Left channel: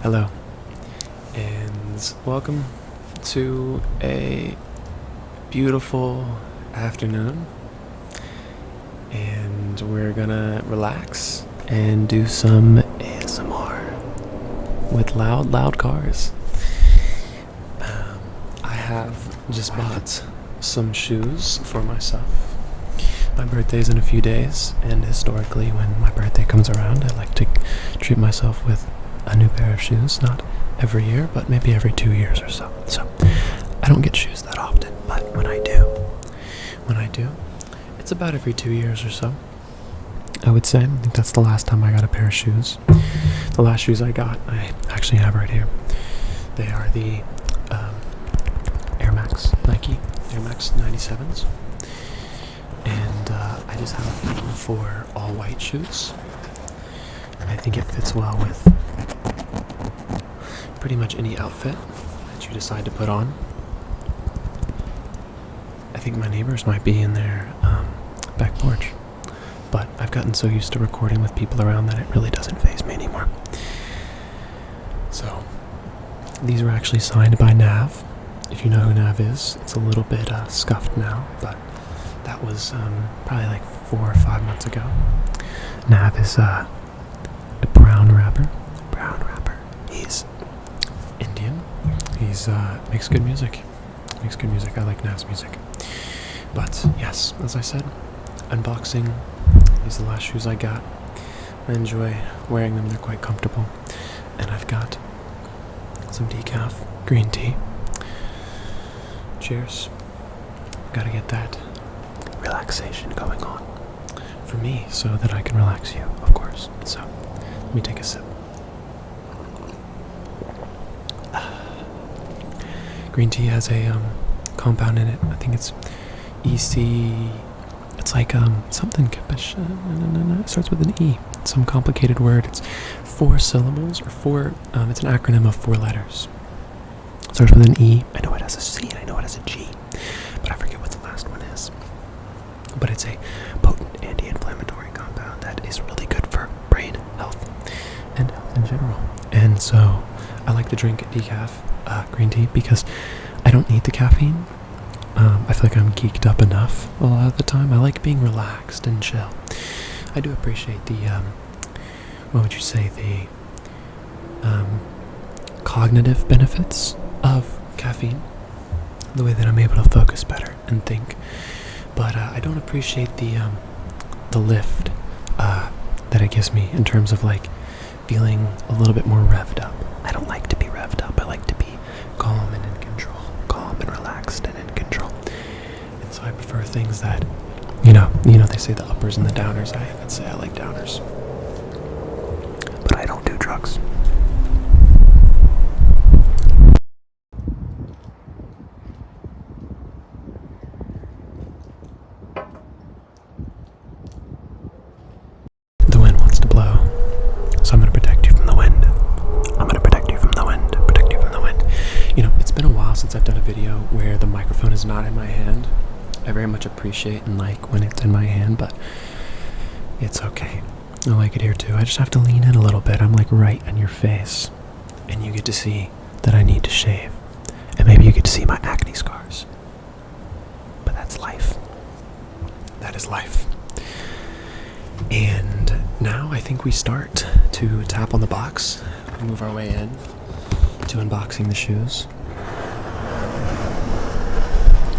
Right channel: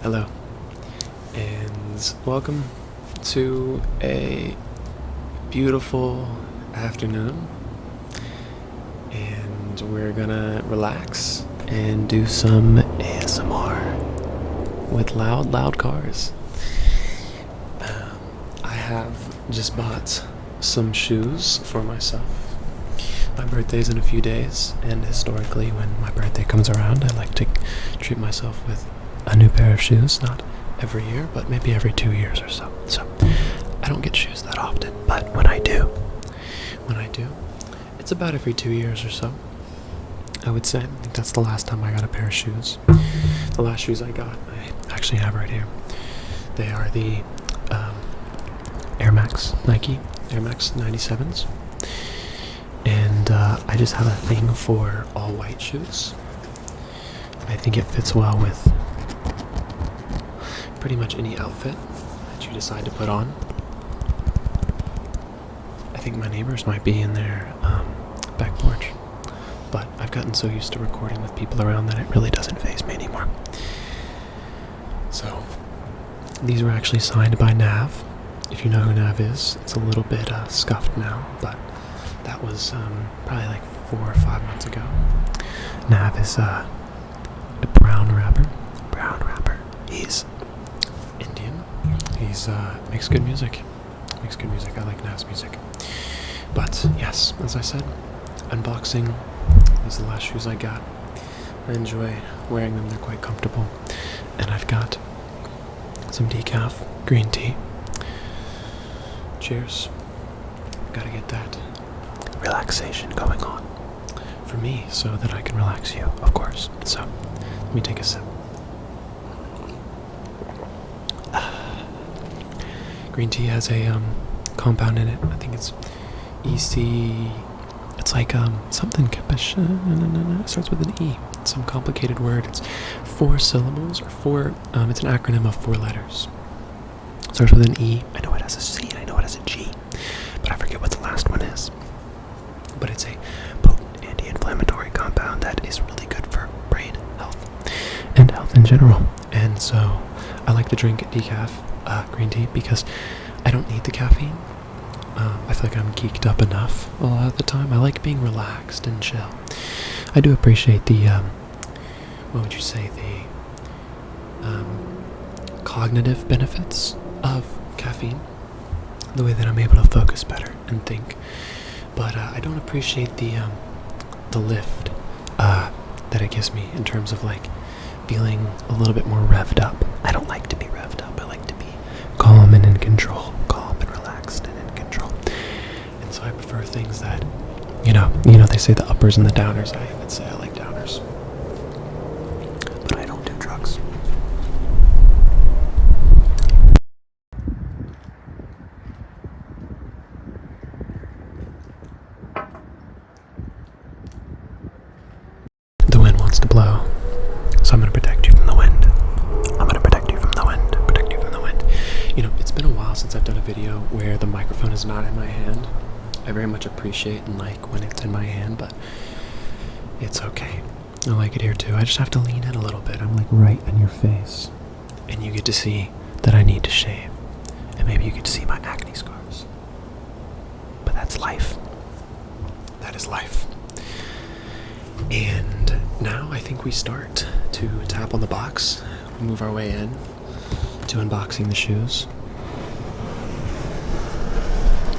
Hello, and welcome to a beautiful afternoon. And we're gonna relax and do some ASMR with loud cars. I have just bought some shoes for myself. My birthday's in a few days, and historically, when my birthday comes around, I like to treat myself with a new pair of shoes. Not every year, but maybe every 2 years or so. So I don't get shoes that often, but when I do, it's about every 2 years or so, I would say. I think that's the last time I got a pair of shoes. The last shoes I got, I actually have right here. They are the Nike Air Max 97s. And I just have a thing for all white shoes. I think it fits well with pretty much any outfit that you decide to put on. I think my neighbors might be in their back porch, but I've gotten so used to recording with people around that it really doesn't faze me anymore. So these were actually signed by Nav. If you know who Nav is, it's a little bit scuffed now, but that was probably like 4 or 5 months ago. Nav is a brown rapper. He's Indian. He's makes good music. I like Nav's music. But yes, as I said, unboxing. These are the last shoes I got. I enjoy wearing them. They're quite comfortable. And I've got some decaf green tea. Cheers. Gotta get that relaxation going on for me so that I can relax you, of course. So let me take a sip. Green tea has a compound in it. I think it's EC. It's like something. It starts with an E. It's some complicated word. It's 4 syllables or 4. It's an acronym of 4 letters. It starts with an E. I know it has a C and I know it has a G, but I forget what the last one is. But it's a potent anti-inflammatory compound that is really good for brain health and health in general. And so I like to drink decaf green tea because I don't need the caffeine. I feel like I'm geeked up enough a lot of the time. I like being relaxed and chill. I do appreciate the, what would you say, the cognitive benefits of caffeine. The way that I'm able to focus better and think. But I don't appreciate the lift that it gives me in terms of like feeling a little bit more revved up. I don't like to be revved up. I like to be calm and in control, calm and relaxed and in control. And so I prefer things that, you know, they say the uppers and the downers. I would say I like downers, but I don't do drugs. The wind wants to blow, so I'm going to protect you from the wind. You know, it's been a while since I've done a video where the microphone is not in my hand. I very much appreciate and like when it's in my hand, but it's okay. I like it here too. I just have to lean in a little bit. I'm like right in your face. And you get to see that I need to shave. And maybe you get to see my acne scars. But that's life. That is life. And now I think we start to tap on the box. We move our way in to unboxing the shoes.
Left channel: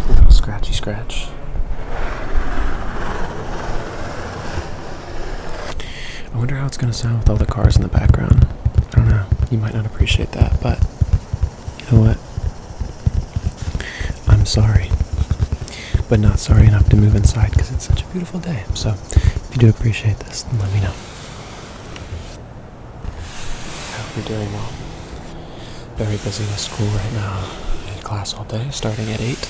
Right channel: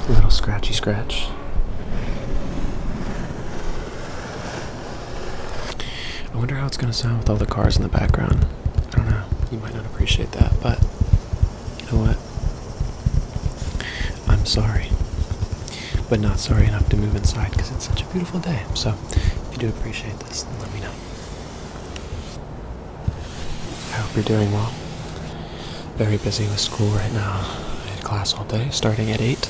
A little scratchy scratch. I wonder how it's going to sound with all the cars in the background. I don't know. You might not appreciate that, but you know what? I'm sorry. But not sorry enough to move inside because it's such a beautiful day. So if you do appreciate this, then let me know. I hope you're doing well. Very busy with school right now. I had class all day, starting at 8,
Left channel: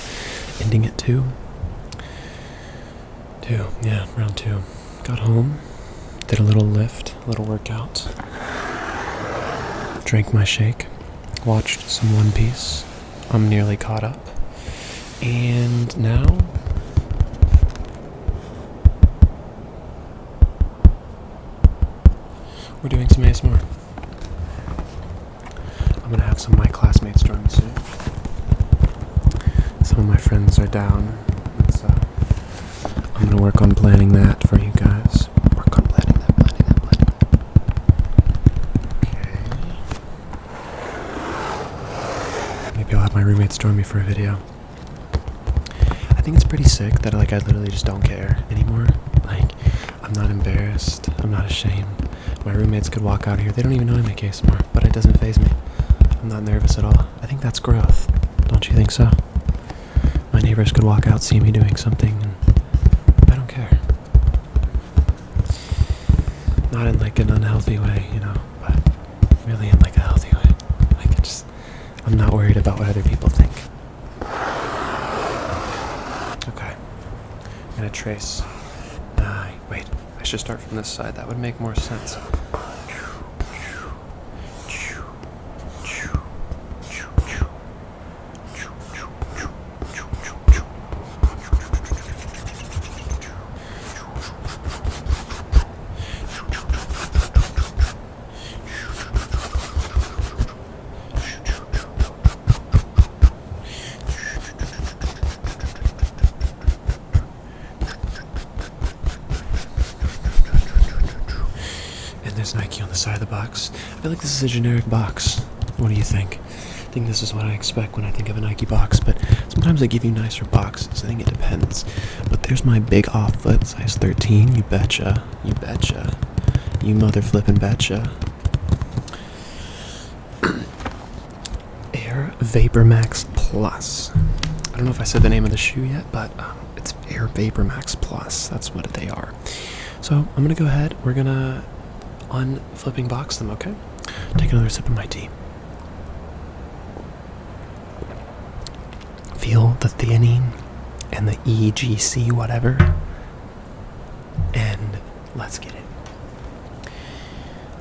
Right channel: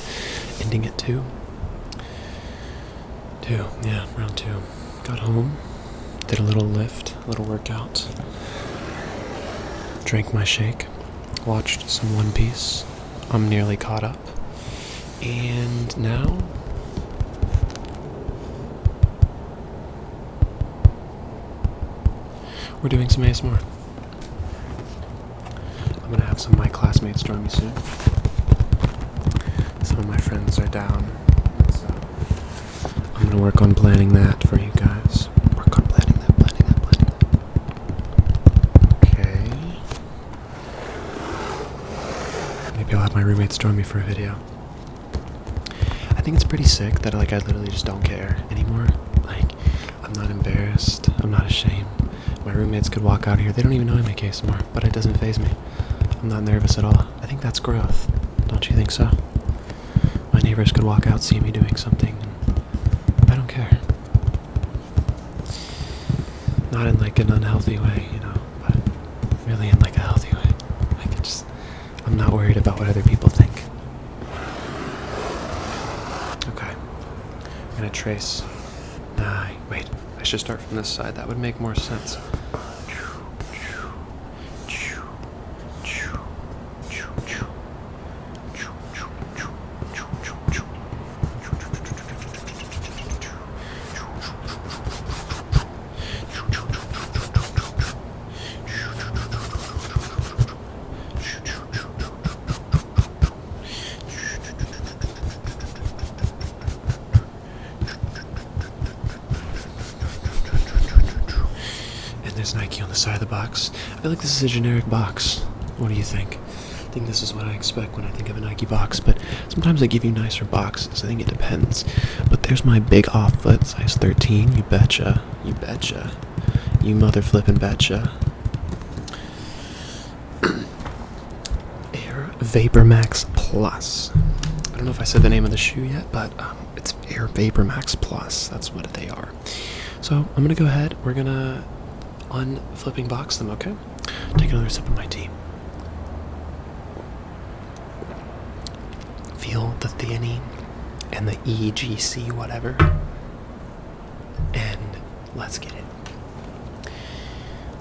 ending at 2. Around 2. Got home, did a little lift, a little workout. Drank my shake, watched some One Piece. I'm nearly caught up. And now we're doing some ASMR. gonna have some of my classmates join me soon. Some of my friends are down, so I'm gonna work on planning that for you guys. Work on planning that. Okay. Maybe I'll have my roommates join me for a video. I think it's pretty sick that I literally just don't care anymore. Like, I'm not embarrassed. I'm not ashamed. My roommates could walk out here. They don't even know I make ASMR, but it doesn't faze me. I'm not nervous at all. I think that's growth. Don't you think so? My neighbors could walk out, see me doing something, and I don't care. Not in like an unhealthy way, but really in like a healthy way. I'm not worried about what other people think. Okay. I'm gonna trace. Wait. I should start from this side. That would make more sense. There's Nike on the side of the box. I feel like this is a generic box. What do you think? I think this is what I expect when I think of a Nike box, but sometimes they give you nicer boxes. I think it depends. But there's my big off foot, size 13. You betcha. You betcha. You mother flippin' betcha. Air Vapor Max Plus. I don't know if I said the name of the shoe yet, but it's Air Vapor Max Plus. That's what they are. So I'm gonna go ahead. We're gonna unflipping box them, okay? Take another sip of my tea. Feel the theanine and the EGC whatever. And let's get it.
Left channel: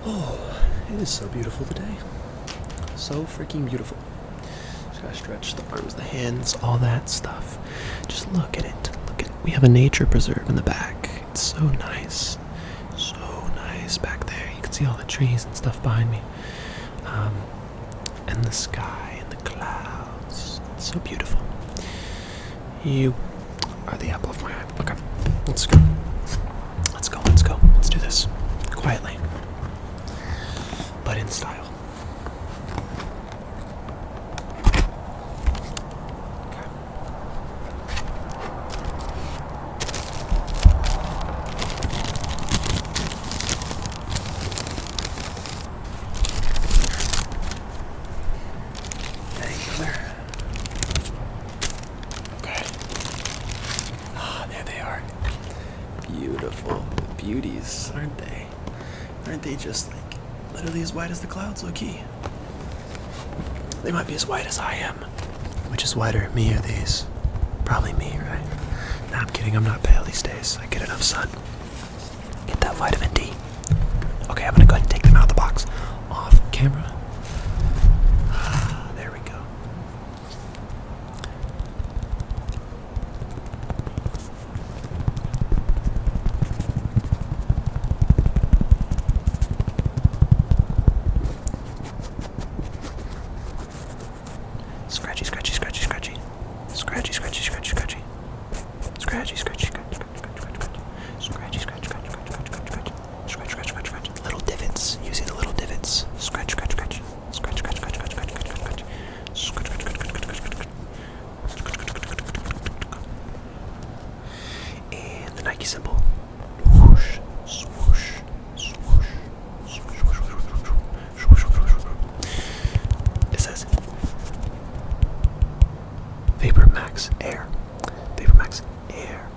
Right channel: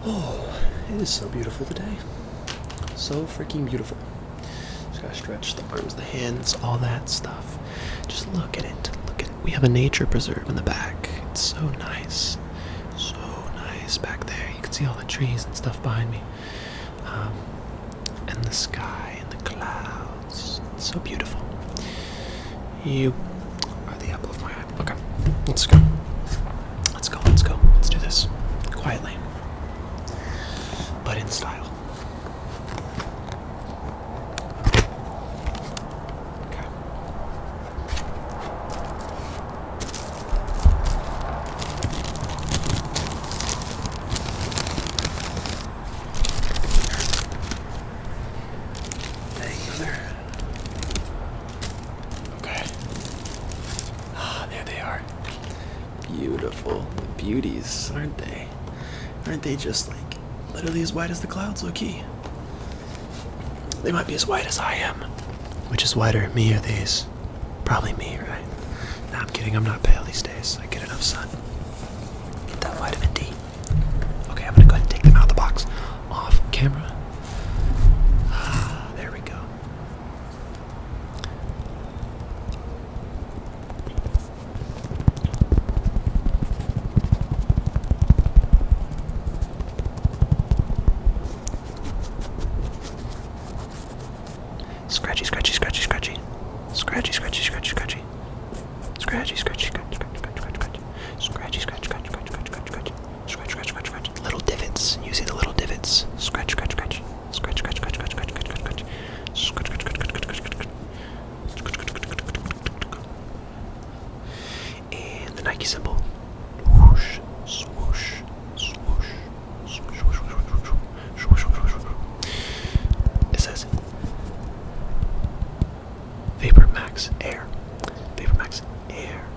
Oh, it is so beautiful today. So freaking beautiful. Just gotta stretch the arms, the hands, all that stuff. Just look at it. Look at it. We have a nature preserve in the back. It's so nice. Back there, you can see all the trees and stuff behind me, and the sky and the clouds. It's so beautiful. You are the apple of my eye. Okay, let's go. Let's do this quietly, but in style. Okay. There they are. Beautiful beauties, aren't they? Aren't they just like literally as white as the clouds, low-key? They might be as white as I am. Which is whiter, me or these? Probably me, right? Nah, I'm kidding. I'm not pale these days. I get enough sun. Get that vitamin D. Okay, I'm gonna go ahead and take them out of the box. Off camera. There we go. Scratchy, scratchy, scratchy, scratchy. Scratchy, scratchy, scratchy, scratchy. Scratchy, scratchy, scratchy, scratchy, scratchy, scratchy. Scratchy, scratch, scratch, scratch, scratch, scratch, scratch. Scratch, scratch, scratch, scratch. Little divots. You see the little divots. Scratch, scratch, scratch. Scratch, scratch, scratch, scratch, scratch, scratch, scratch. Scratch, scratch, scratch, scratch, scratch, scratch, scratch. And the Nike symbol. Whoosh, swoosh, swoosh, swoosh, swoosh, swoosh, swoosh, swoosh, swoosh. It says Vapor Max Air. Vapor Max Air.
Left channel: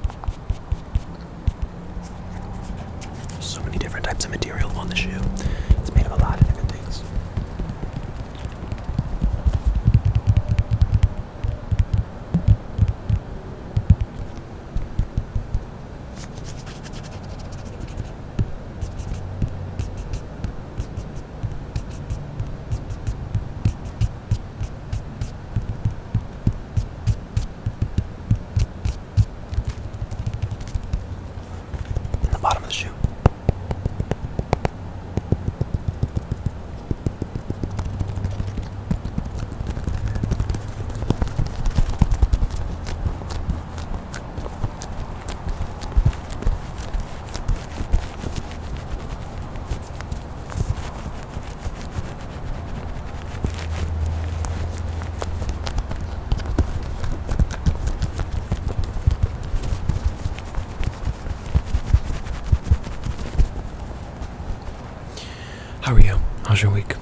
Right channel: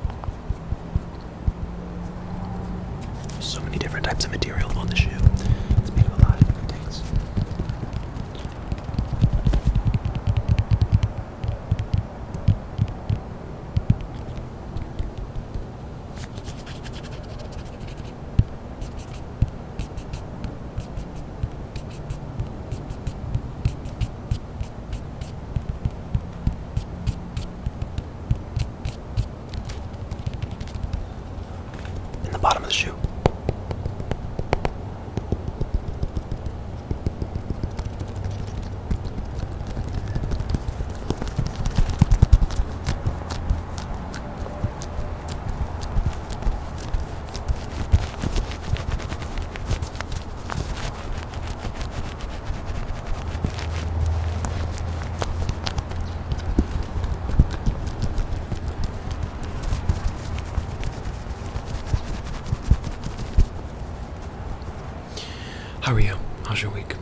How are you? How's your week?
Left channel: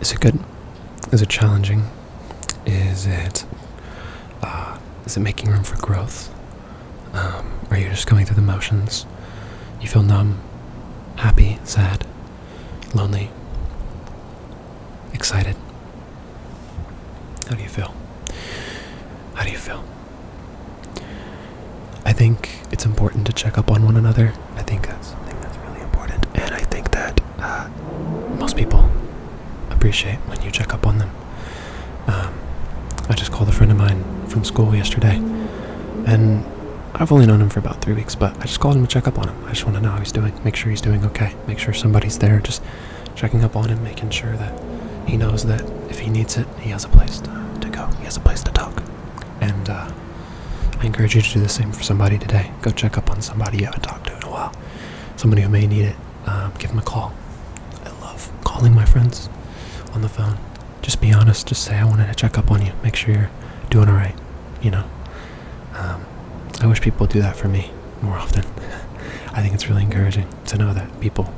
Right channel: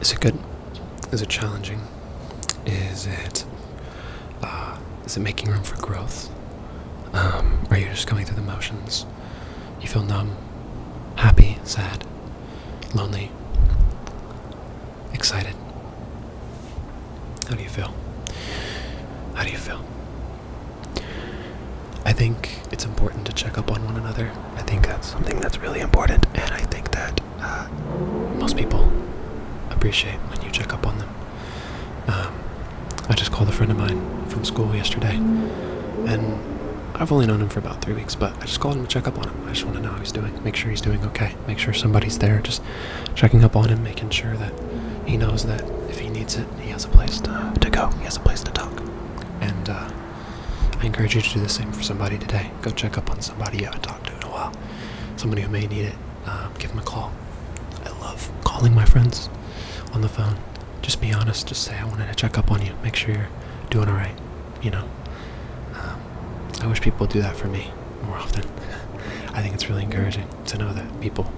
Is it good? Is it challenging? Is it making room for growth? Are you just going through the motions? You feel numb, happy, sad, lonely, excited? How do you feel? How do you feel? I think it's important to check up on one another. I think that's something that's really important, and I think that most people appreciate when you check up on them. I just called a friend of mine from school yesterday, and I've only known him for about 3 weeks, but I just called him to check up on him. I just want to know how he's doing, make sure he's doing okay, make sure somebody's there, just checking up on him, making sure that he knows that if he needs it, he has a place to go, he has a place to talk. And I encourage you to do the same for somebody today. Go check up on somebody you haven't talked to in a while, somebody who may need it. Give them a call. I love calling my friends on the phone. Just be honest, just say I wanted to check up on you, make sure you're doing alright, you know. I wish people would do that for me more often. I think it's really encouraging to know that people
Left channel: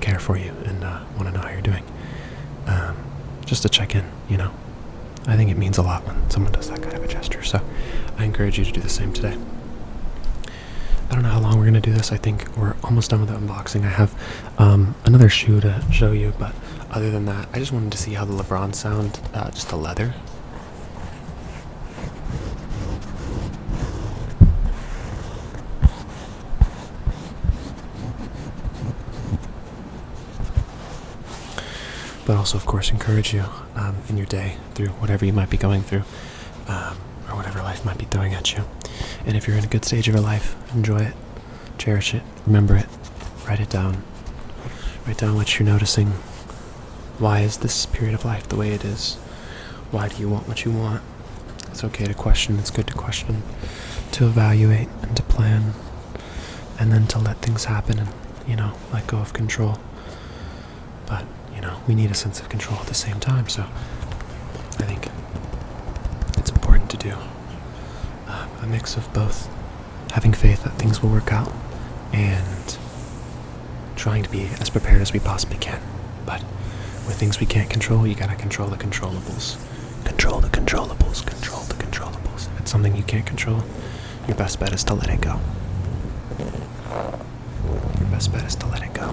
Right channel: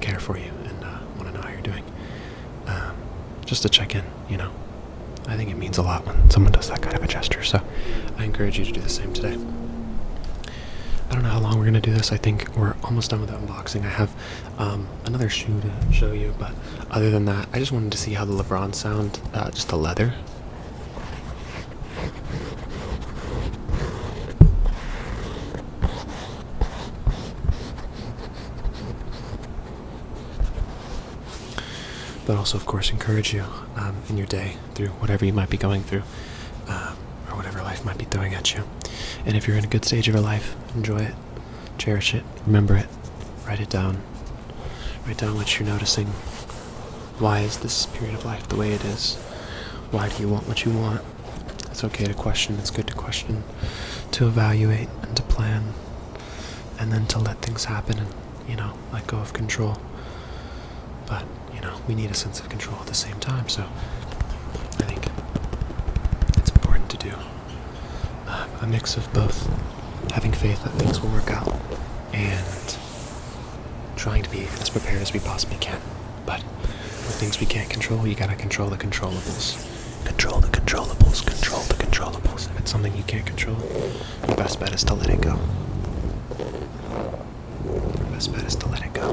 care for you and want to know how you're doing. Just to check in, you know. I think it means a lot when someone does that kind of a gesture, so I encourage you to do the same today. I don't know how long we're going to do this. I think we're almost done with the unboxing. I have another shoe to show you, but other than that, I just wanted to see how the LeBron sound, just the leather. But also, of course, encourage you in your day through whatever you might be going through, or whatever life might be throwing at you. And if you're in a good stage of your life, enjoy it, cherish it, remember it, write it down. Write down what you're noticing. Why is this period of life the way it is? Why do you want what you want? It's okay to question, it's good to question, to evaluate and to plan, and then to let things happen and, you know, let go of control. But, you know, we need a sense of control at the same time, so I think it's important to do a mix of both having faith that things will work out and trying to be as prepared as we possibly can. But with things we can't control, you gotta control the controllables. Control the controllables, control the controllables. If it's something you can't control, your best bet is to let it go. Your best bet is to let it go.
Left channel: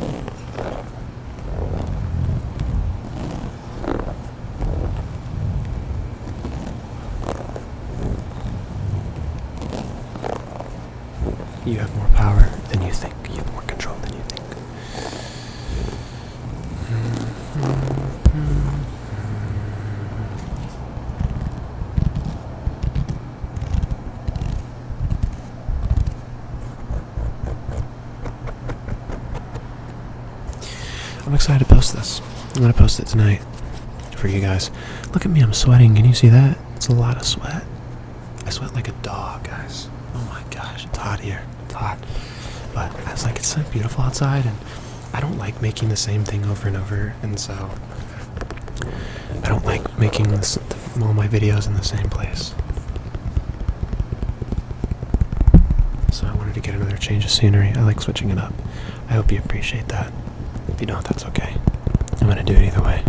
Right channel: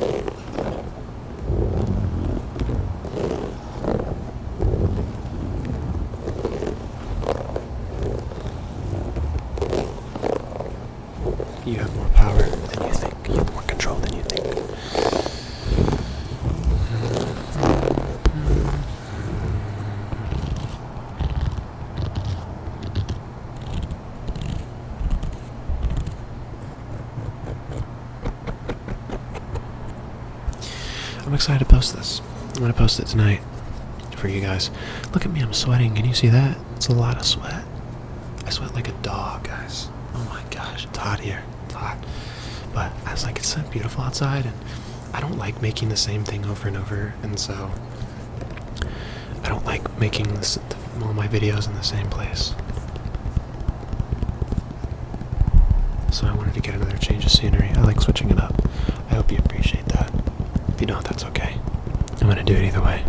You have more power than you think. You have more control than you think. I'm excited to post this. I'm going to post it tonight for you guys. Look at me, I'm sweating. Can you see that? It's a lot of sweat. I sweat like a dog, guys. Oh my gosh, it's hot here. It's hot. But I was like, it's so beautiful outside, and I don't like making the same thing over and over, and so I don't like making all my videos in the same place. So I wanted to get another change of scenery. I like switching it up. I hope you appreciate that. If you don't, that's okay. I'm gonna do it either way.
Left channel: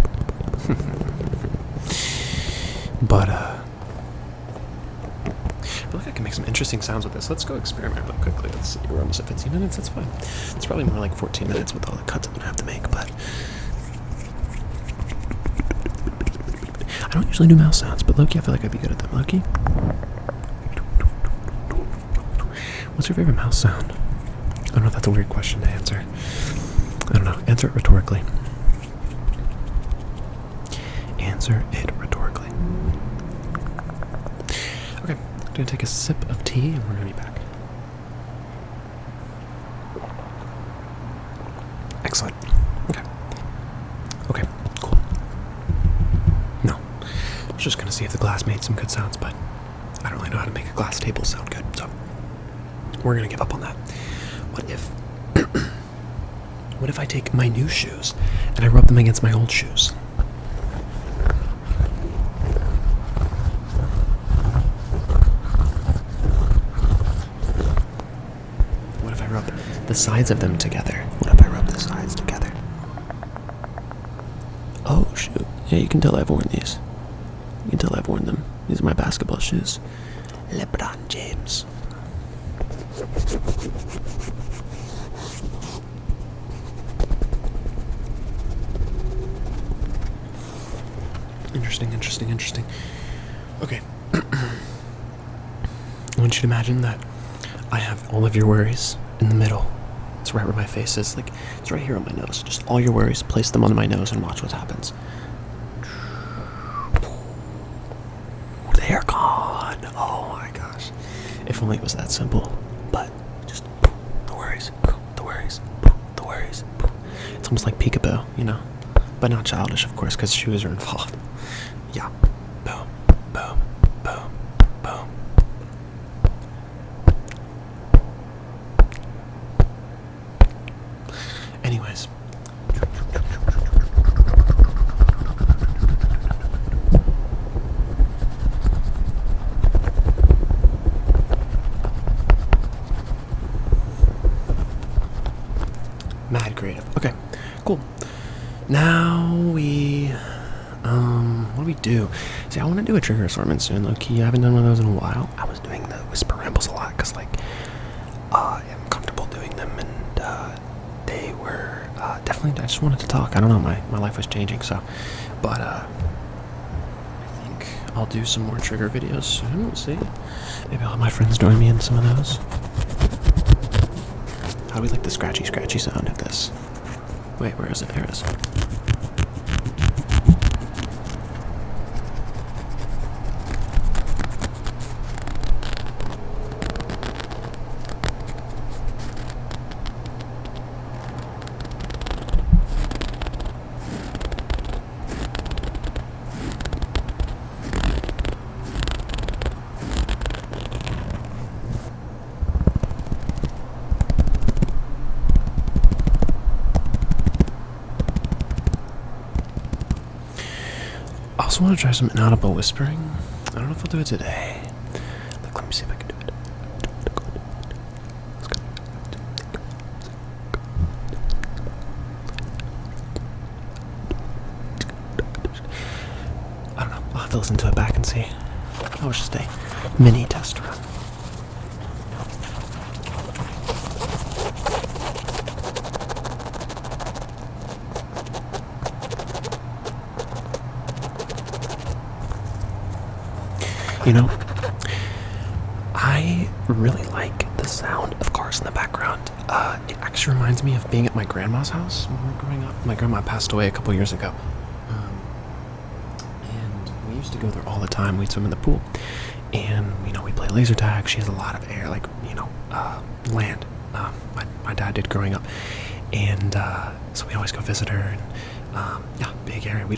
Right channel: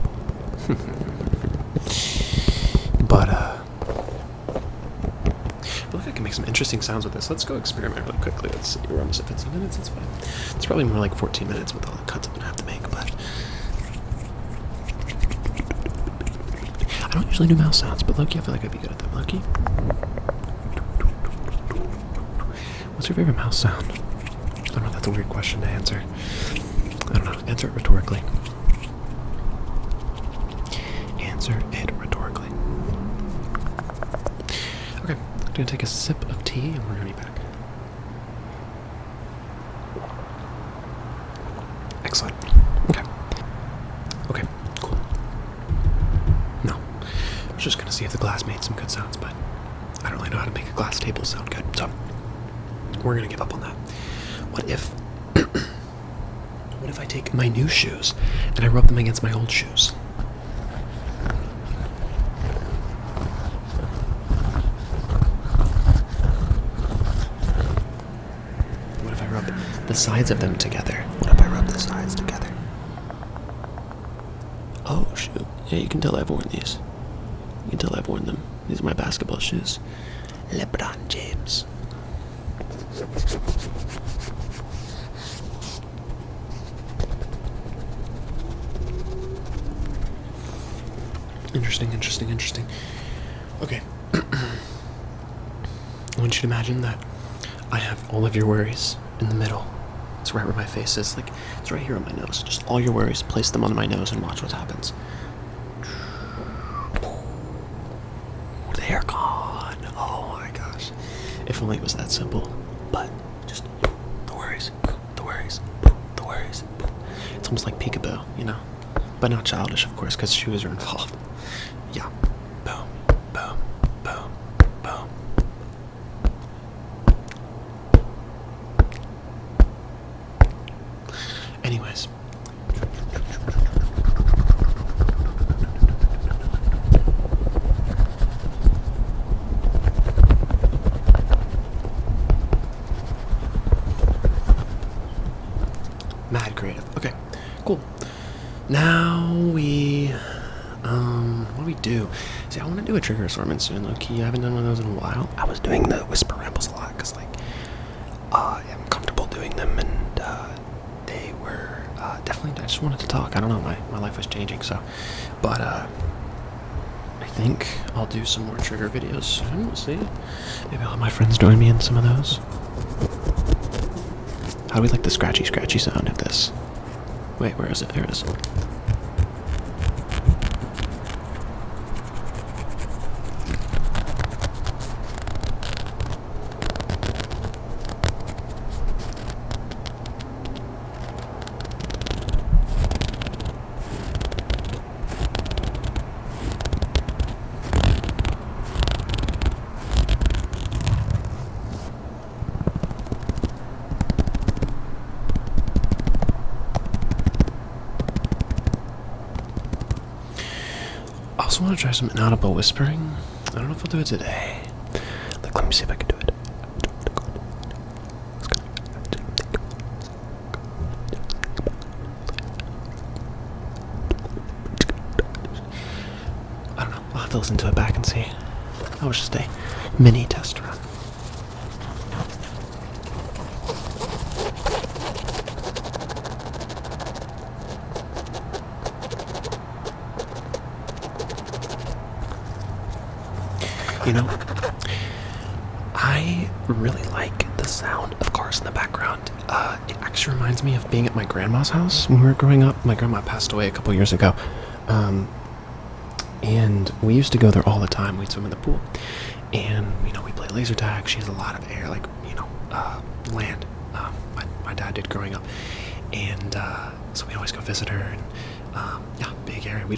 But I feel like I can make some interesting sounds with this. Let's go experiment really quickly. Let's see. We're almost at 15 minutes. It's fine. It's probably more like 14 minutes with all the cuts I'm gonna have to make, but I don't usually do mouse sounds, but Loki, I feel like I'd be good at them. Loki? What's your favorite mouse sound? I don't know if that's a weird question to answer. I don't know. Answer it rhetorically. Answer it rhetorically. Okay, I'm going to take a sip of tea and we're going to be back. Excellent. Okay. Okay, cool. No. I was just going to see if the glass made some good sounds, but I don't really know how to make a glass table sound good, so we're going to give up on that. What if I take my new shoes and I rub them against my old shoes? What if I rub the sides of them together. What if I rub the sides together? Oh, shoot. Yeah, you can tell I've worn these. You can tell I've worn them. These are my basketball shoes. LeBron James. Interesting. Okay. I want you to imagine that I have all of your worries in the middle. It's right where my face is. Like, it's right here on my nose. Just all your worries, place them on my nose and watch what happens. They're gone. Oh my gosh. If only it was that simple. But just the worries. It's almost like peekaboo, you know? But not childish, of course, because shoes are involved. Yeah. Boom. Anyways. Mad creative. Okay, cool. Now what do we do? See, I want to do a trigger assortment soon, low-key. I haven't done one of those in a while. I was doing the whisper rambles a lot, because, like, I'm comfortable doing them, and, they were, definitely, I just wanted to talk. I don't know, my life was changing, so, but, I think I'll do some more trigger videos soon. We'll see. Maybe I'll have my friends join me in some of those. How do we like the scratchy sound of this? Wait, where is it? There it is. I also want to try some inaudible whispering. I don't know if I'll do it today. Like, let me see if I can do it. I don't know. I'll have to listen to it back and see. That was just a mini test run. You know, I really like the sound of cars in the background. It actually reminds me of being at my grandma's house when we were growing up. My grandma passed away a couple years ago. And we used to go there all the time. We'd swim in the pool. And, you know, we play laser tag. She has a lot of air, like, you know, land. My dad did growing up. And so we always go visit her. And, yeah, big area. We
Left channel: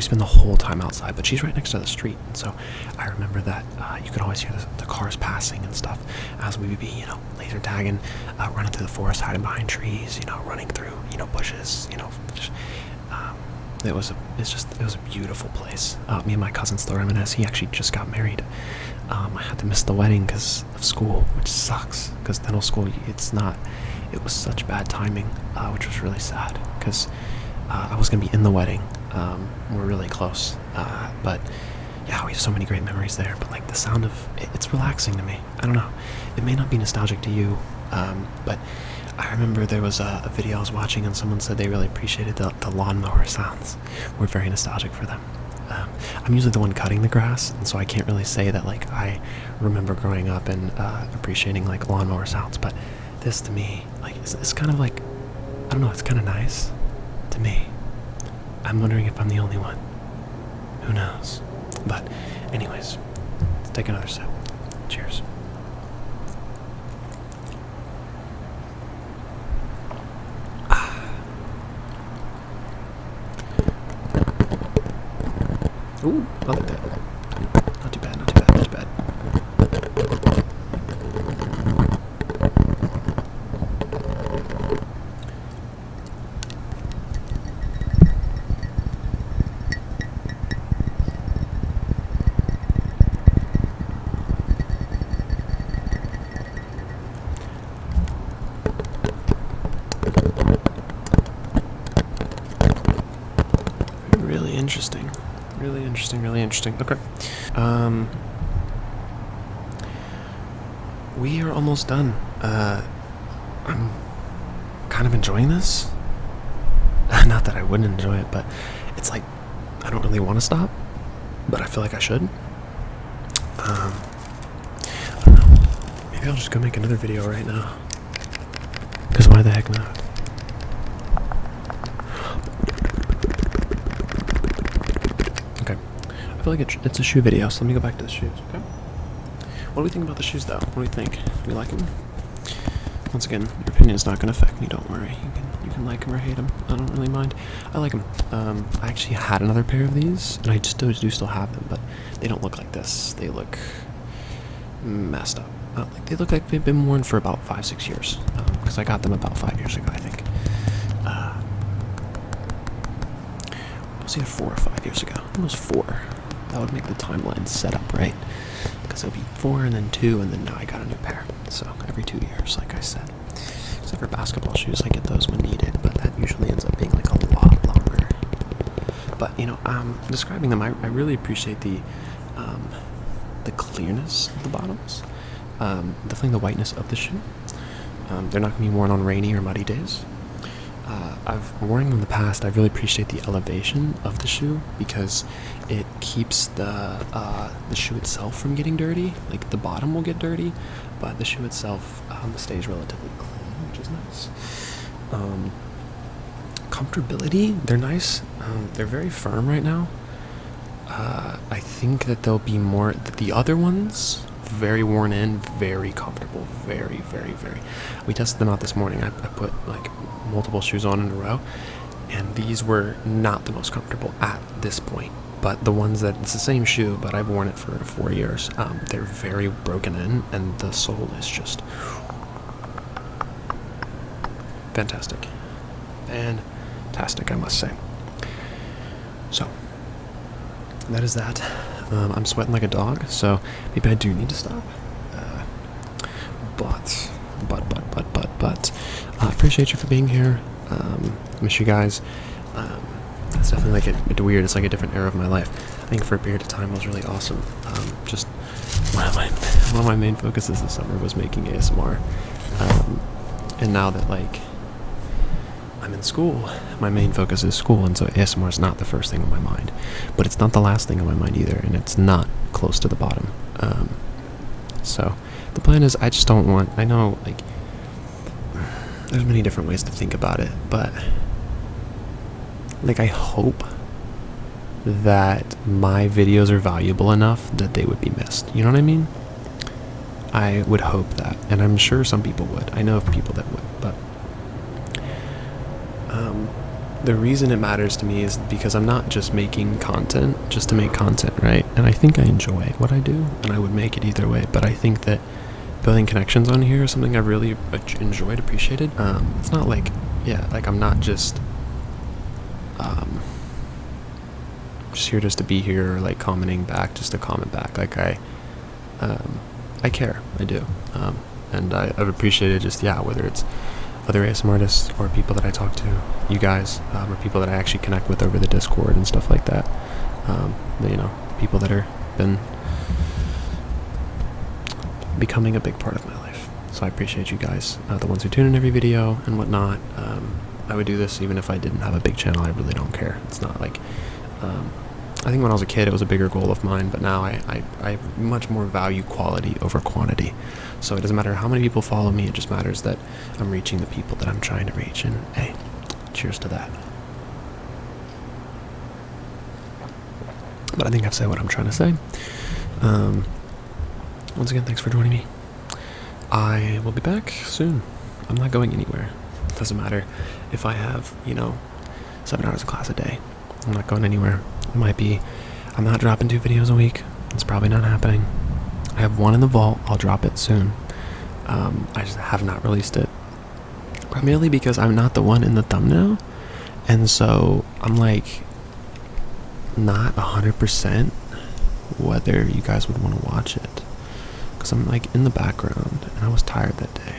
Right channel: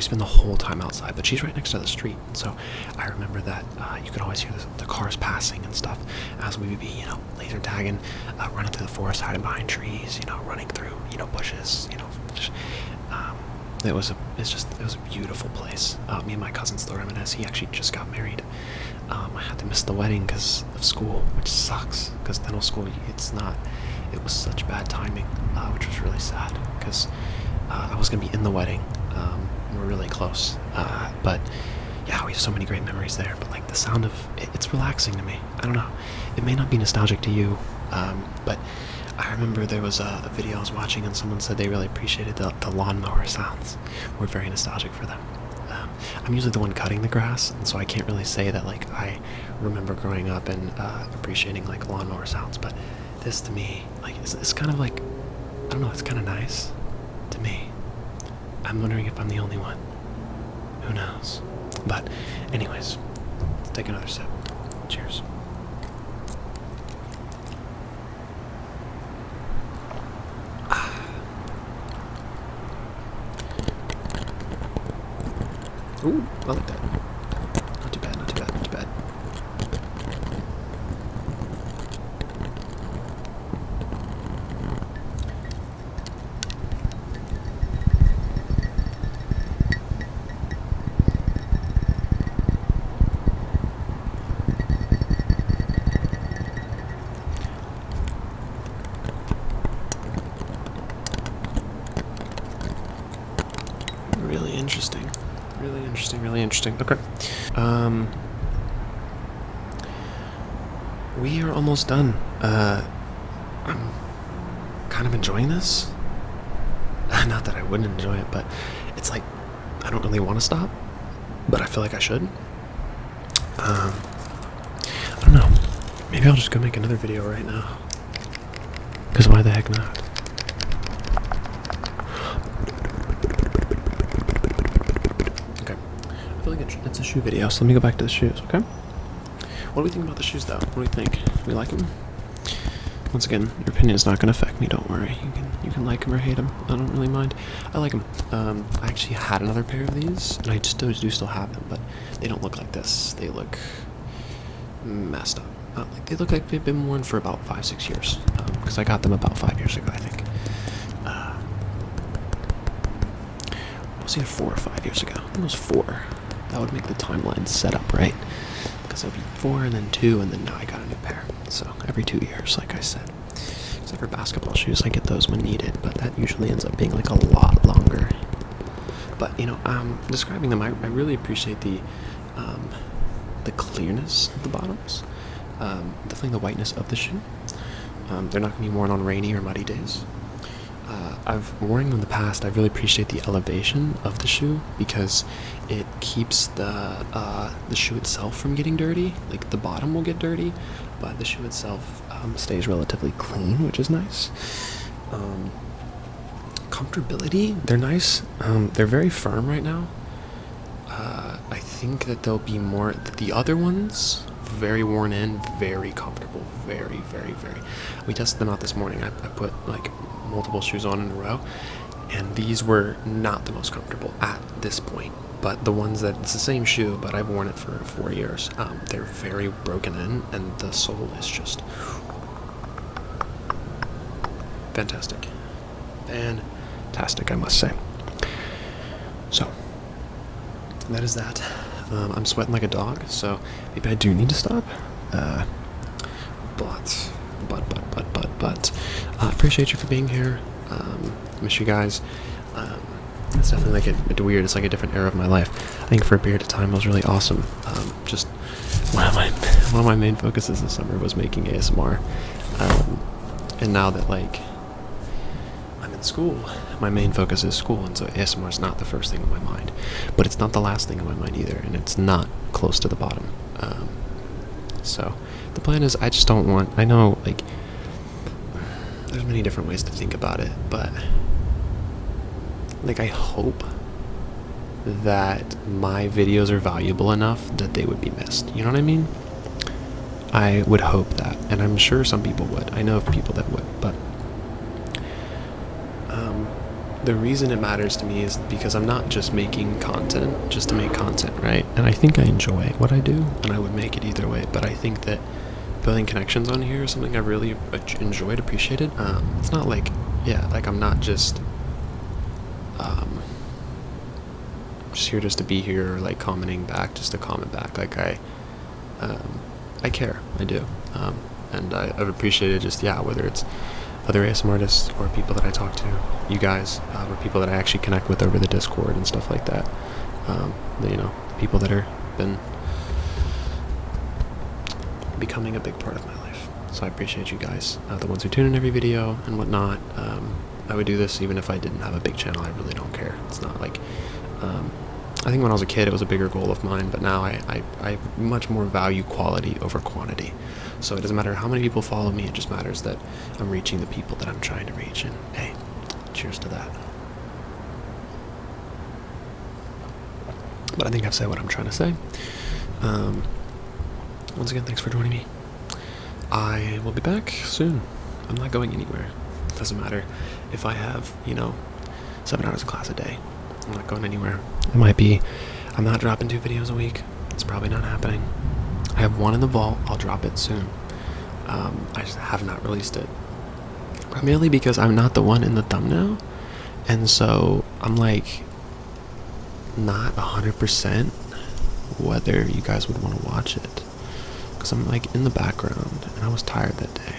spend the whole time outside. But she's right next to the street. And so I remember that you could always hear the cars passing and stuff as we would be, you know, laser tagging, running through the forest, hiding behind trees, you know, running through, you know, bushes, you know, just... It was a beautiful place. Me and my cousin still reminisce. He actually just got married. I had to miss the wedding because of school, which sucks. Because dental school, it was such bad timing, which was really sad. Because I was gonna be in the wedding. We're really close. But yeah, we have so many great memories there. But like the sound of it's relaxing to me. I don't know. It may not be nostalgic to you, but. I remember there was a video I was watching and someone said they really appreciated the lawnmower sounds. Were very nostalgic for them. I'm usually the one cutting the grass, and so I can't really say that like I remember growing up and appreciating like lawnmower sounds. But this to me, like it's kind of like, I don't know, it's kind of nice to me. I'm wondering if I'm the only one. Who knows? But anyways, let's take another sip. Cheers. Ooh, I like that. Not too bad, not too bad, not too bad. Really interesting. Really interesting, really interesting. Okay. We are almost done. I'm kind of enjoying this. Not that I wouldn't enjoy it, but it's like I don't really want to stop, but I feel like I should. I don't know. Maybe I'll just go make another video right now. Because why the heck not? Okay. I feel like it's a shoe video, so let me go back to the shoes, okay? What do we think about the shoes, though? What do we think? We like them? Once again, your opinion is not going to affect me. Don't worry. You can like them or hate them. I don't really mind. I like them. I actually had another pair of these, and I do still have them, but they don't look like this. They look messed up. Like they look like they've been worn for about 5-6 years. Because I got them about 5 years ago, I think. It was either 4 or 5 years ago. I think it was 4. That would make the timeline set up right. Because it would be 4 and then 2, and then now I got a new pair. So every 2 years, like I said. Except for basketball shoes, I get those when needed, but that usually ends up being like a lot longer. But you know, describing them, I really appreciate the clearness of the bottoms. Definitely the whiteness of the shoe. They're not going to be worn on rainy or muddy days. I've worn them in the past. I really appreciate the elevation of the shoe because it keeps the shoe itself from getting dirty. Like the bottom will get dirty, but the shoe itself stays relatively clean, which is nice. Comfortability, they're nice. They're very firm right now. I think that they'll be more. The other ones, very worn in, very comfortable, very, very, very. We tested them out this morning. I put like multiple shoes on in a row, and these were not the most comfortable at this point. But the ones that it's the same shoe, but I've worn it for 4 years. They're very broken in, and the sole is just fantastic, fantastic, I must say. So that is that. I'm sweating like a dog, so maybe I do need to stop. But I appreciate you for being here. Miss you guys. It's definitely like weird. It's like a different era of my life. I think for a period of time it was really awesome. Just one of my main focuses this summer was making ASMR. And now that like I'm in school, my main focus is school, and so ASMR is not the first thing on my mind, but it's not the last thing on my mind either, and it's not close to the bottom. So the plan is I just don't want, I know like there's many different ways to think about it, but like I hope that my videos are valuable enough that they would be missed. You know what I mean? I would hope that, and I'm sure some people would. I know of people that would, but the reason it matters to me is because I'm not just making content just to make content, right? And I think I enjoy what I do, and I would make it either way, but I think that building connections on here is something I really enjoyed, appreciated. It's not like, yeah, like I'm not just here just to be here or like commenting back just to comment back. Like I care, I do. And I've appreciated just, yeah, whether it's other ASMR artists or people that I talk to, you guys, or people that I actually connect with over the Discord and stuff like that. You know, people that are been becoming a big part of my life. So I appreciate you guys, the ones who tune in every video and whatnot. I would do this even if I didn't have a big channel. I really don't care. It's not like, I think when I was a kid it was a bigger goal of mine, but now I much more value quality over quantity. So it doesn't matter how many people follow me, it just matters that I'm reaching the people that I'm trying to reach, and hey, cheers to that. But I think I've said what I'm trying to say. Once again, thanks for joining me. I will be back soon. I'm not going anywhere. It doesn't matter if I have, 7 hours of class a day. I'm not going anywhere. I'm not dropping 2 videos a week. It's probably not happening. I have 1 in the vault. I'll drop it soon. I just have not released it. Primarily because I'm not the one in the thumbnail. And so I'm like not 100% whether you guys would want to watch it. Because I'm like in the background and I was tired that day.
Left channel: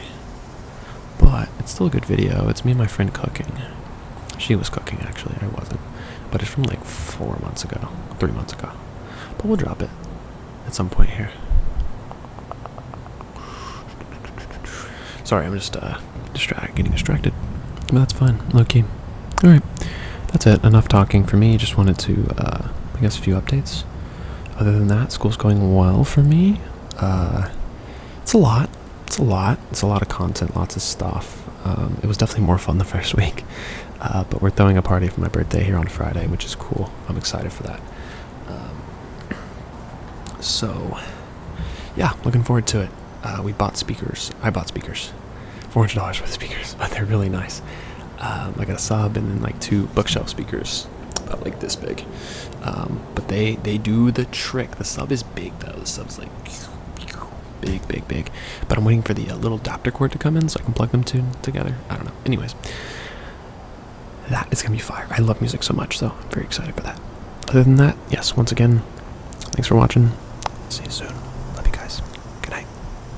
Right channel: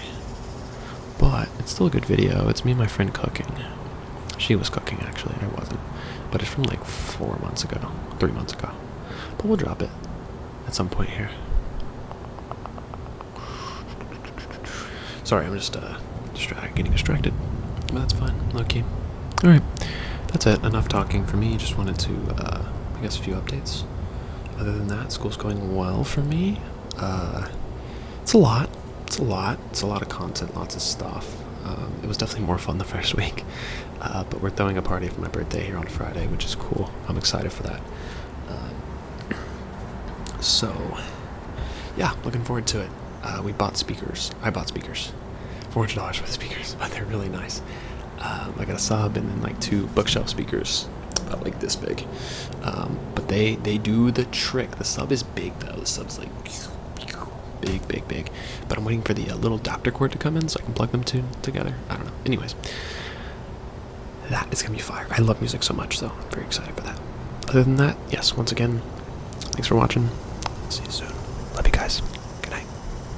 but it's still a good video. It's me and my friend cooking. She was cooking, actually. I wasn't. But it's from like 4 months ago, 3 months ago. But we'll drop it at some point here. Sorry, I'm just getting distracted. But that's fine. Low-key. Alright. That's it. Enough talking for me. Just wanted to, I guess, a few updates. Other than that, school's going well for me. It's a lot. It's a lot of content, lots of stuff. It was definitely more fun the first week. But we're throwing a party for my birthday here on Friday, which is cool. I'm excited for that. So, yeah, looking forward to it. We bought speakers. I bought speakers. $400 for the speakers, but they're really nice. I got a sub and then like 2 bookshelf speakers, about like this big. But they do the trick. The sub is big though. The sub's like big. But I'm waiting for the little adapter cord to come in so I can plug them together. I don't know. Anyways, that is gonna be fire. I love music so much, so I'm very excited for that. Other than that, yes, once again, thanks for watching. See you soon.